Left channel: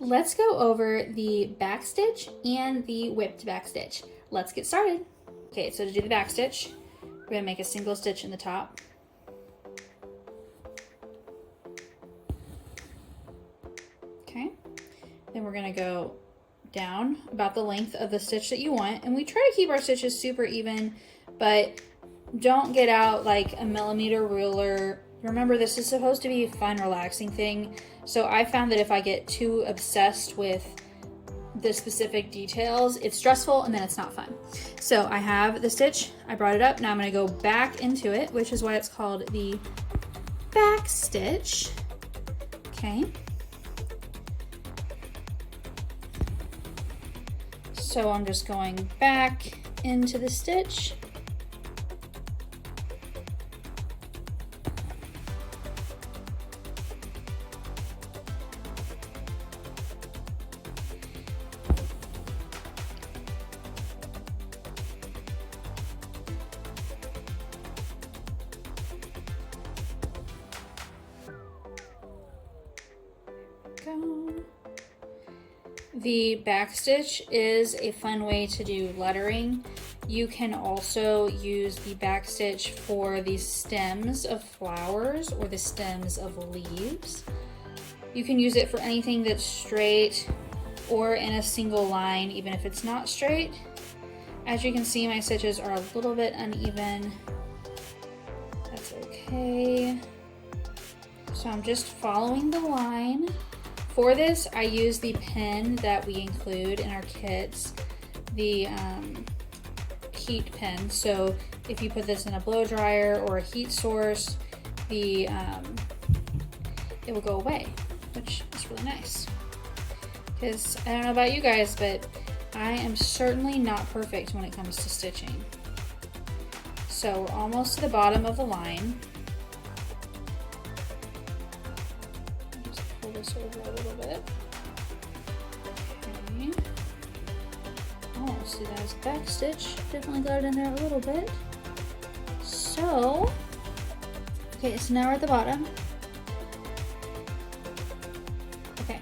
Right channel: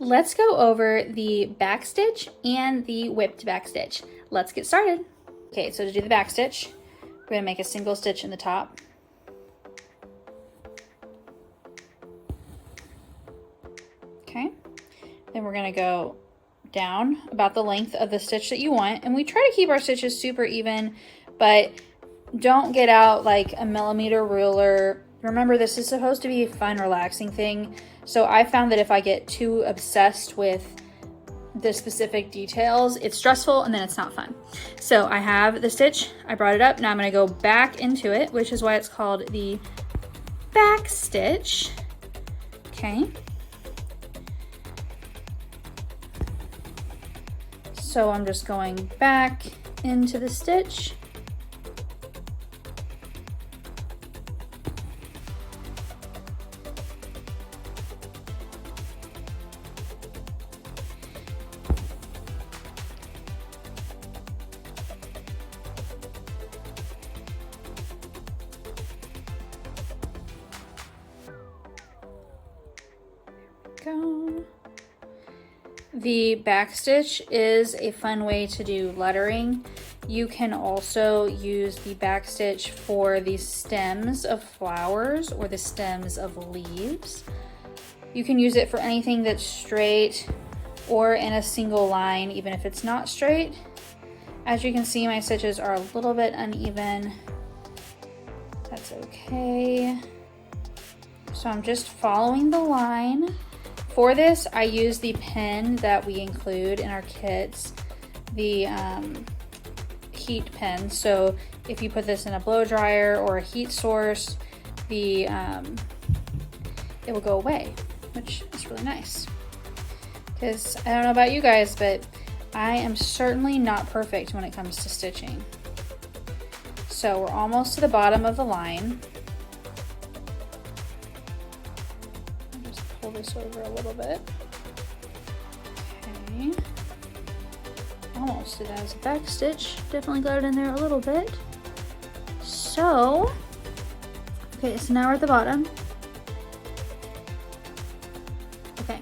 let's go over the back stitch and the whipped back stitch. Let's get started. Okay, so to do the back stitch, we're gonna make a single stitch in the top. Okay, then we're gonna go down about the length of the stitch that you want, and we try to keep our stitches super even, but don't get out like a millimeter ruler. Remember, this is supposed to be a fun, relaxing thing, so I found that if I get too obsessed with the specific details, it's stressful and then it's not fun. So I have the stitch, I brought it up, now I'm going to go back into it, which is why it's called the back stitch. Okay. So I'm just going back into the stitch. The back stitch is a fun way to do lettering. You can also use the back stitch for the stems of flowers or the stems of leaves. You can use it for anything that's straight or in a single line, even if it's not straight. As you can see, my stitches are a little bit uneven. That's okay. So I'm just following the line. For this, I use the pen that we include in our kits, the heat pen. So if you put this in a blow dryer or a heat source, it will go away, which is really nice. Because I don't know about you guys, but I am certainly not perfect when it comes to stitching. So we're almost to the bottom of the line. This over a little bit. Okay. Almost did as a back stitch. Definitely got it in there a little bit. So, okay, so now we're at the bottom. Okay.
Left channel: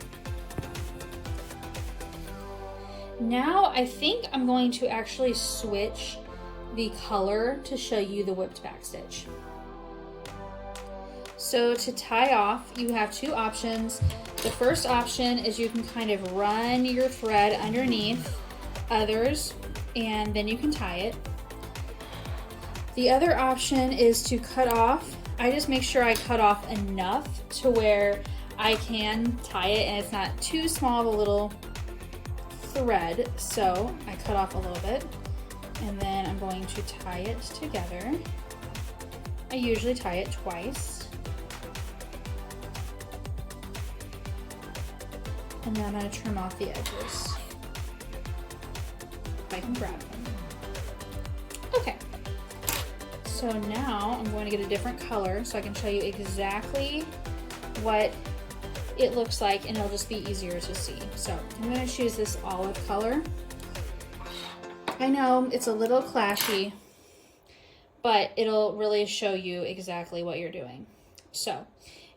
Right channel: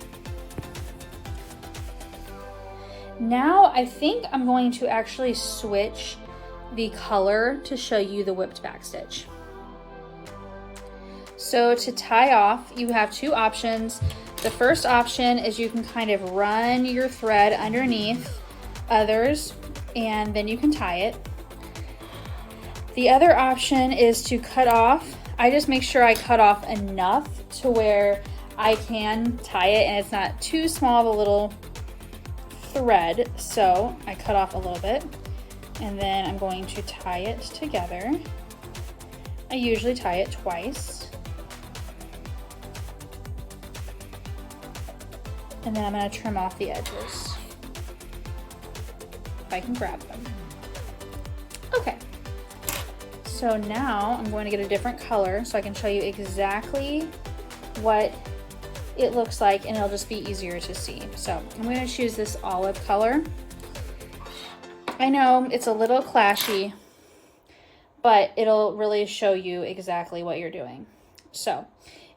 Now I think I'm going to actually switch the color to show you the whipped back stitch. So to tie off, you have two options. The first option is you can kind of run your thread underneath others and then you can tie it. The other option is to cut off. I just make sure I cut off enough to where I can tie it and it's not too small of a little thread. So I cut off a little bit and then I'm going to tie it together. I usually tie it twice. And then I'm going to trim off the edges, if I can grab them. Okay, so now I'm going to get a different color so I can show you exactly what it looks like and it'll just be easier to see. So I'm going to choose this olive color. I know it's a little clashy, but it'll really show you exactly what you're doing. So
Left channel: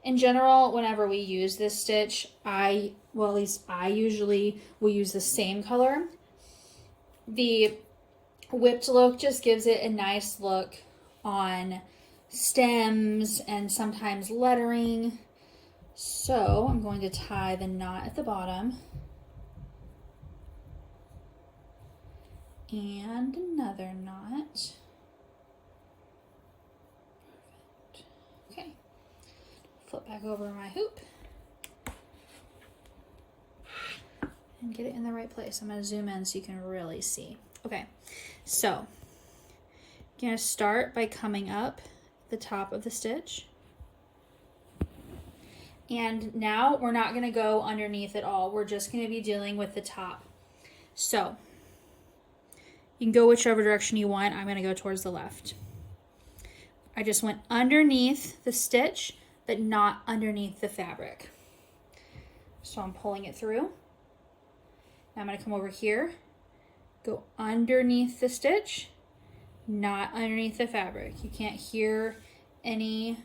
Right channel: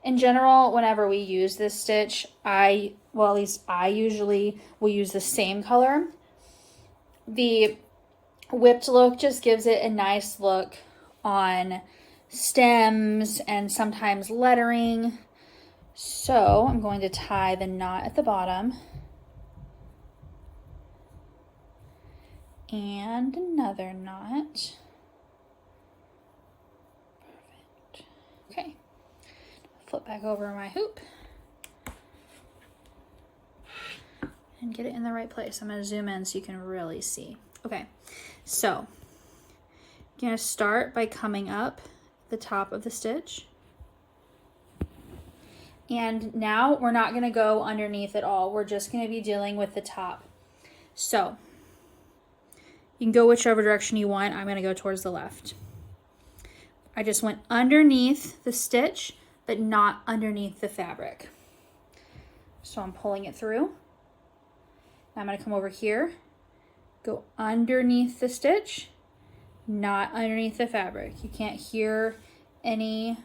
in general, whenever we use this stitch, at least I usually will use the same color. The whipped look just gives it a nice look on stems and sometimes lettering. So I'm going to tie the knot at the bottom. And another knot. Perfect. Okay. Flip back over my hoop and get it in the right place. I'm going to zoom in so you can really see. Okay, so I'm going to start by coming up the top of the stitch. And now we're not going to go underneath at all. We're just going to be dealing with the top. So you can go whichever direction you want. I'm going to go towards the left. I just went underneath the stitch, but not underneath the fabric. So I'm pulling it through. Now I'm going to come over here, go underneath the stitch, not underneath the fabric. You can't hear any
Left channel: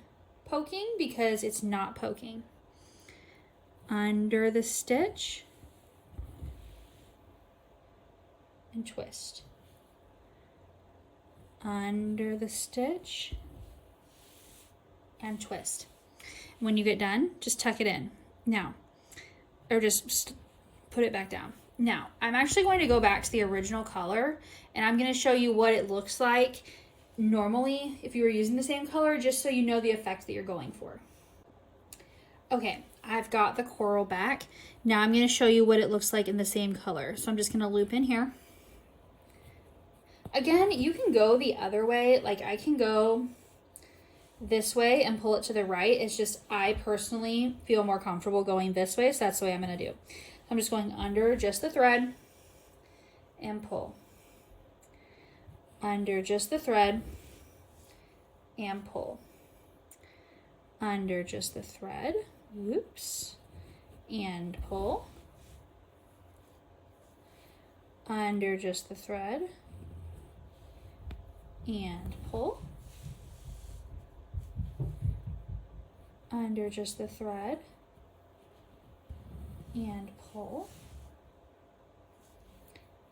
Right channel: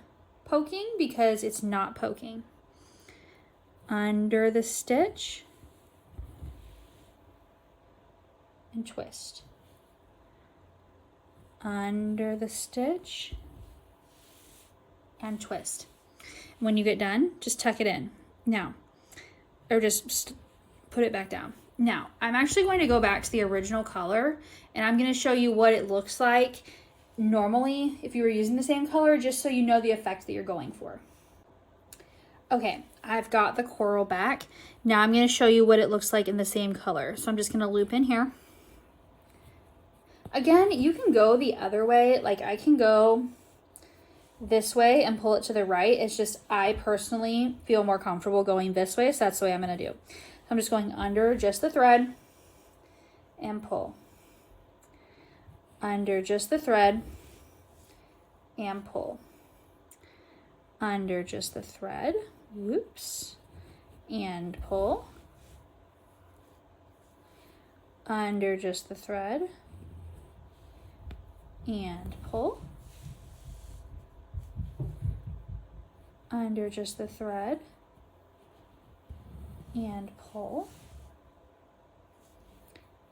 poking because it's not poking. under the stitch, and twist. Under the stitch, and twist. When you get done, just tuck it in. Now, or just put it back down. Now, I'm actually going to go back to the original color, and I'm going to show you what it looks like normally if you were using the same color, just so you know the effect that you're going for. Okay, I've got the coral back. Now I'm going to show you what it looks like in the same color. So I'm just going to loop in here. Again, you can go the other way. Like I can go this way and pull it to the right. It's just I personally feel more comfortable going this way, so that's the way I'm going to do. I'm just going under just the thread and pull. Under just the thread and pull. Under just the thread, whoops, and pull. Under just the thread and pull. Under just the thread and pull.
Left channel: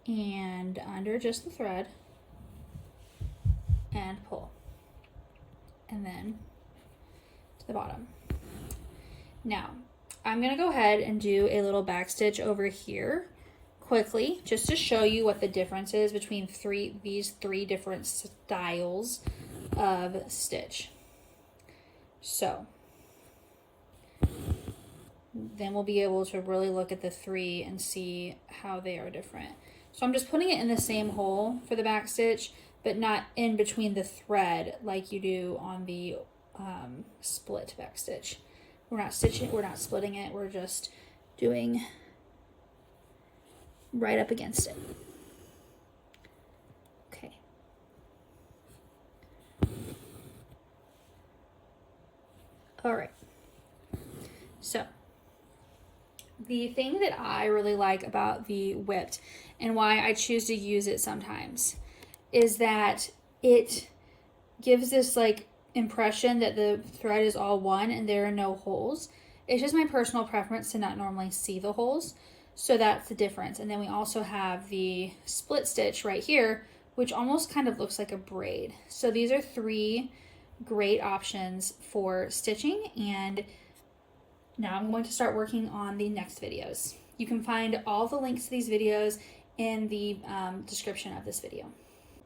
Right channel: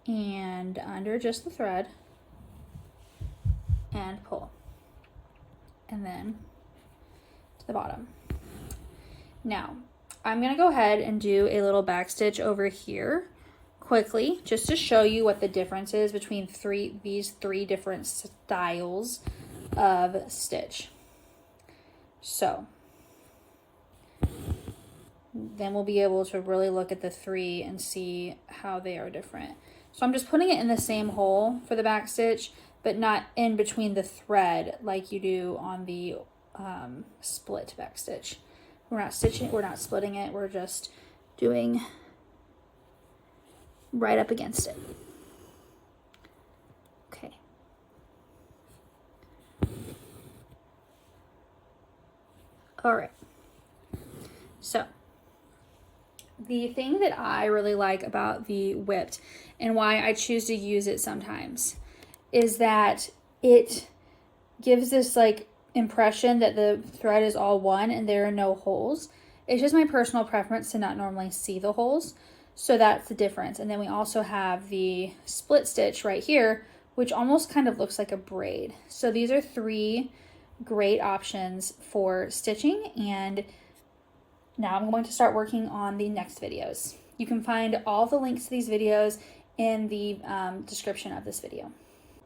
And under just the thread and pull. And then to the bottom. Now, I'm going to go ahead and do a little back stitch over here quickly, just to show you what the difference is between these three different styles of stitch. So, then we'll be able to really look at the three and see how they are different. So I'm just putting it in the same hole for the back stitch, but not in between the thread like you do on the split back stitch. We're not splitting it, we're just doing right up against it. Okay. All right. So, the thing that I really like about the whipped and why I choose to use it sometimes is that it gives this like impression that the thread is all one and there are no holes. It's just my personal preference to not normally see the holes. So that's the difference. And then we also have the split stitch right here, which almost kind of looks like a braid. So these are three great options for stitching, and now I'm going to start working on the next videos. You can find all the links to these videos in the description of this video.